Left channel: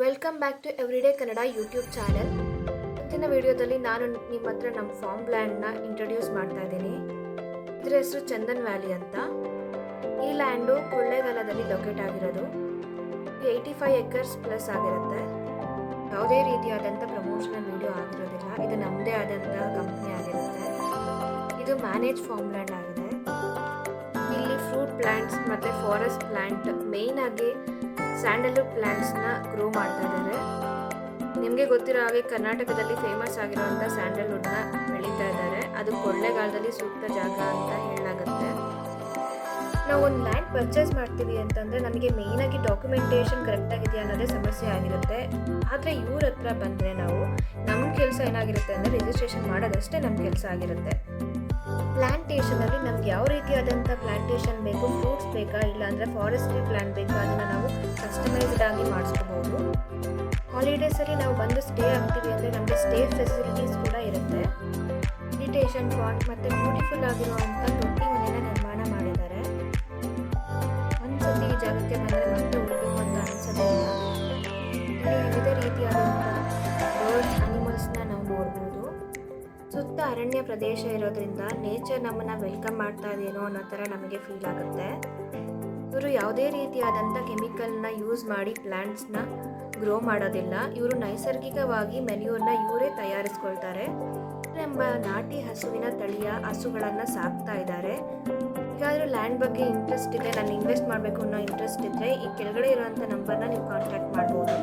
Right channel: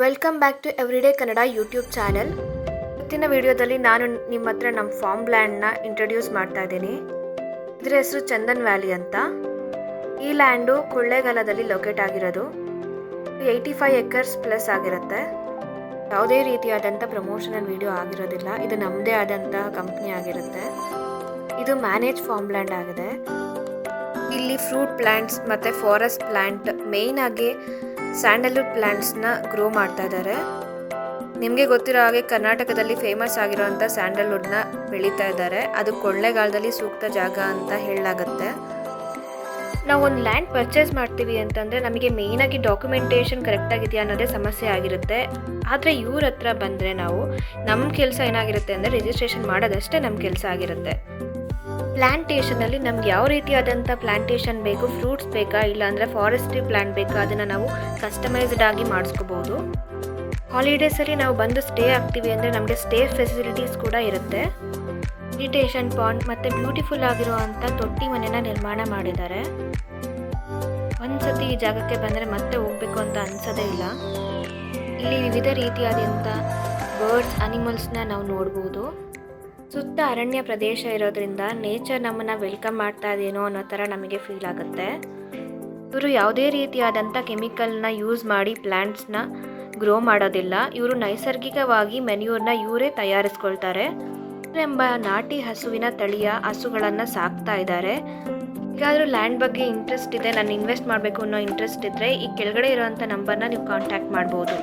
Welcome back to everyday Kannada YouTube channel ಇವತ್ತಿನ ವಿಡಿಯೋದಲ್ಲಿ ನಾನು ನಿಮ್ಮ ಹತ್ರ ನಮ್ಮ ಫಾರ್ಮ್ ಲ್ಯಾಂಡ್ನ ಇಂಟ್ರೊಡ್ಯೂಸ್ ಮಾಡ್ತಾ ಇದ್ದೀನಿ. ಇದರ ಹೆಸರು ಚಂದನ್ ವ್ಯಾಲಿ ಅಂತ. ಈ ಲ್ಯಾಂಡು ಕೊಳ್ಳೇಗಾಲದಲ್ಲಿ ಲೊಕೇಟ್ ಆಗಿರೋದು. ಏಯ್ಟಿ ಫೈವ್ ಎಕರ್ಸ್ ಪ್ಲಸ್ ಆಗಿರುತ್ತೆ. ಯಾವುದೇ ರೀತಿಯಾದಂಥ ಪ್ರಮೋಷನಲ್ ವಿಡಿಯೋ ಆಗಿರೋದಿಲ್ಲ. ಇದು ನಮ್ಮದೇ ಆದಂಥ ಕಂಪ್ನಿ ಆಗಿರುತ್ತೆ. ಇದು ಮ್ಯಾನೇಜ್ ಫಾರ್ಮ್ ಲ್ಯಾಂಡ್ ಆಗಿದೆ. ಇಲ್ಲಿ ಫ್ರೂಟ್ ಪ್ಲ್ಯಾಂಟ್ಸ್ ಮತ್ತು ಫಾರೆಸ್ಟ್ ಪ್ಲ್ಯಾಂಟ್ ಮೇಯ್ನಾಗಿ ಸ್ಯಾಂಡಲ್ವುಡ್ ಪ್ಲ್ಯಾಂಟ್ಸ್ನ ಗ್ರೋ ಮಾಡ್ತಾ ಇದ್ದಾರೆ. ನಿಮಗೆ ಗೊತ್ತಿರೋ ಹಾಗೆ ಕರ್ನಾಟಕದಲ್ಲಿ ಫೇಮಸ್ ಆಗಿರೋಂಥ ಸ್ಯಾಂಡಲ್ವುಡ್ನ ಬೆಳೀತಾ ಇದ್ದಾರೆ. ಅದು ಕೊಳ್ಳೆಗಾಲದಲ್ಲಿ ಸೂಕ್ತ ಜಾಗ ಅಂತ ಹೇಳಲಾಗುತ್ತೆ. ನಾವು ಒಂದು ಲ್ಯಾಂಡ್ ಪರ್ಚೇಸ್ ಮಾಡ್ತೀವಿ ಅಂತಂದರೆ ನಮಗೆ ಮೇಯ್ನಾಗಿ ಡಾಕ್ಯುಮೆಂಟೇಷನ್ ಕರೆಕ್ಟಾಗಿದೆಯಾ ಅನ್ನೋದೇ ಸಮಸ್ಯೆ ಆಗಿರುತ್ತೆ. ಆದರೆ ಇವ್ರ ಹತ್ರ ಬಂದರೆ ನಾವು ನಮ್ಮ ಕೆಲಸ ಏನಾಗಿರುತ್ತೆ ಅಂದರೆ ರಿಜಿಸ್ಟ್ರೇಷನ್ ಮಾಡೋದಷ್ಟೇ ನಮ್ಮ ಕೆಲಸ ಆಗಿರುತ್ತೆ. ಪ್ಲ್ಯಾಂಟೇಷನಲ್ಲಿ ನಮ್ಗೆ ಯಾವ ರೀತಿಯಾದಂಥ ಪ್ಲ್ಯಾಂಟೇಷನ್ ಬೇಕು, ಫ್ರೂಟ್ಸ್ ಬೇಕಾ, ಇಲ್ಲಾಂದರೆ ಫಾರೆಸ್ಟ್ರಿ ಪ್ಲ್ಯಾಂಟ್ ಬೇಕಾ, ಅದನ್ನು ನಾವು ಕಸ್ಟಮೈಸ್ಡ್ ಆಗಿ ಮಾಡಿಸ್ಕೋಬೋದು. ಹಾಲಿಡೇಸಲ್ಲಿ ನಾವು ಬಂದು ಸ್ಟೇ ಆಗ್ತೀವಿ ಅಂದರೆ ನಮಗೆ ಸ್ಟೇ ಫೆಸಿಲಿಟೀಸ್ ಕೂಡ ಇರುತ್ತೆ. ಮೆಡಿಟೇಷನ್ ಪಾಂಡ್ ಮತ್ತು ಬ್ಯೂಟಿಫುಲ್ ಆಗಿರುವಂಥ ತೊಟ್ಟಿ ಮನೆನ ನಿರ್ಮಾಣ ಮಾಡಿದ್ದಾರೆ. ಒಂದ್ಸತಿ ಈ ಜಾಗಕ್ಕೆ ಬಂದರೆ ಮತ್ತೆ ಹೋಗಬೇಕು ಅಂತ ಅನಿಸೋದೇ ಇಲ್ಲ. ಇಲ್ಲಿ ವಿವಿಧ ರೀತಿಯಾದಂಥ ಬರ್ಡ್ಸ್ ಅನಿಮಲ್ಸ್ನ ನಾವು ನೋಡ್ಬೋದು. ಸುತ್ತ ಅರಣ್ಯ ಪ್ರದೇಶ ಇರೋದ್ರಿಂದ ನೇಚರ್ ನಮ್ಮನ್ನು ವೆಲ್ಕಮ್ ಮಾಡ್ತಾ ಇದೇನೋ ಅನ್ನೋ ಥರ ನಮಗೆ ಫೀಲ್ ಆಗುತ್ತೆ. ಇವರು ಯಾವುದೇ ರೀತಿಯಾದಂಥ ಕೆಮಿಕಲ್ನ ಯೂಸ್ ಮಾಡಿ ಪ್ಲ್ಯಾಂಟ್ಸ್ನ ಗ್ರೋ ಮಾಡೋದಿಲ್ಲ. ಇವರು ನೈಸರ್ಗಿಕವಾಗಿ ಮೆನ್ಯೂರ್ನ ಇವರೇ ತಯಾರಿಸ್ಕೊಳ್ತಾರೆ. ಎಂಬ ನಾಟಿ ಹಸುವಿನ ತಳಿಯ ಹಸುಗಳನ್ನು ಸಾಕ್ತಾ ಇದ್ದಾರೆ. ಈಗಾದರೂ ಲ್ಯಾಂಡ್ ಬಗ್ಗೆ ಇಂಟ್ರೆಸ್ಟ್ ಇದೆ, ನಾನು ಇನ್ವೆಸ್ಟ್ ಮಾಡಬೇಕು ಅನ್ನೋ ಇಂಟ್ರೆಸ್ಟ್ ಇದ್ದರೆ ಈ ಕೆಳಗಡೆ ಇರೋವಂಥ ನಂಬರ್ನ ನೀವು ಕಾಂಟ್ಯಾಕ್ಟ್ ಮಾಡ್ಬೋದು.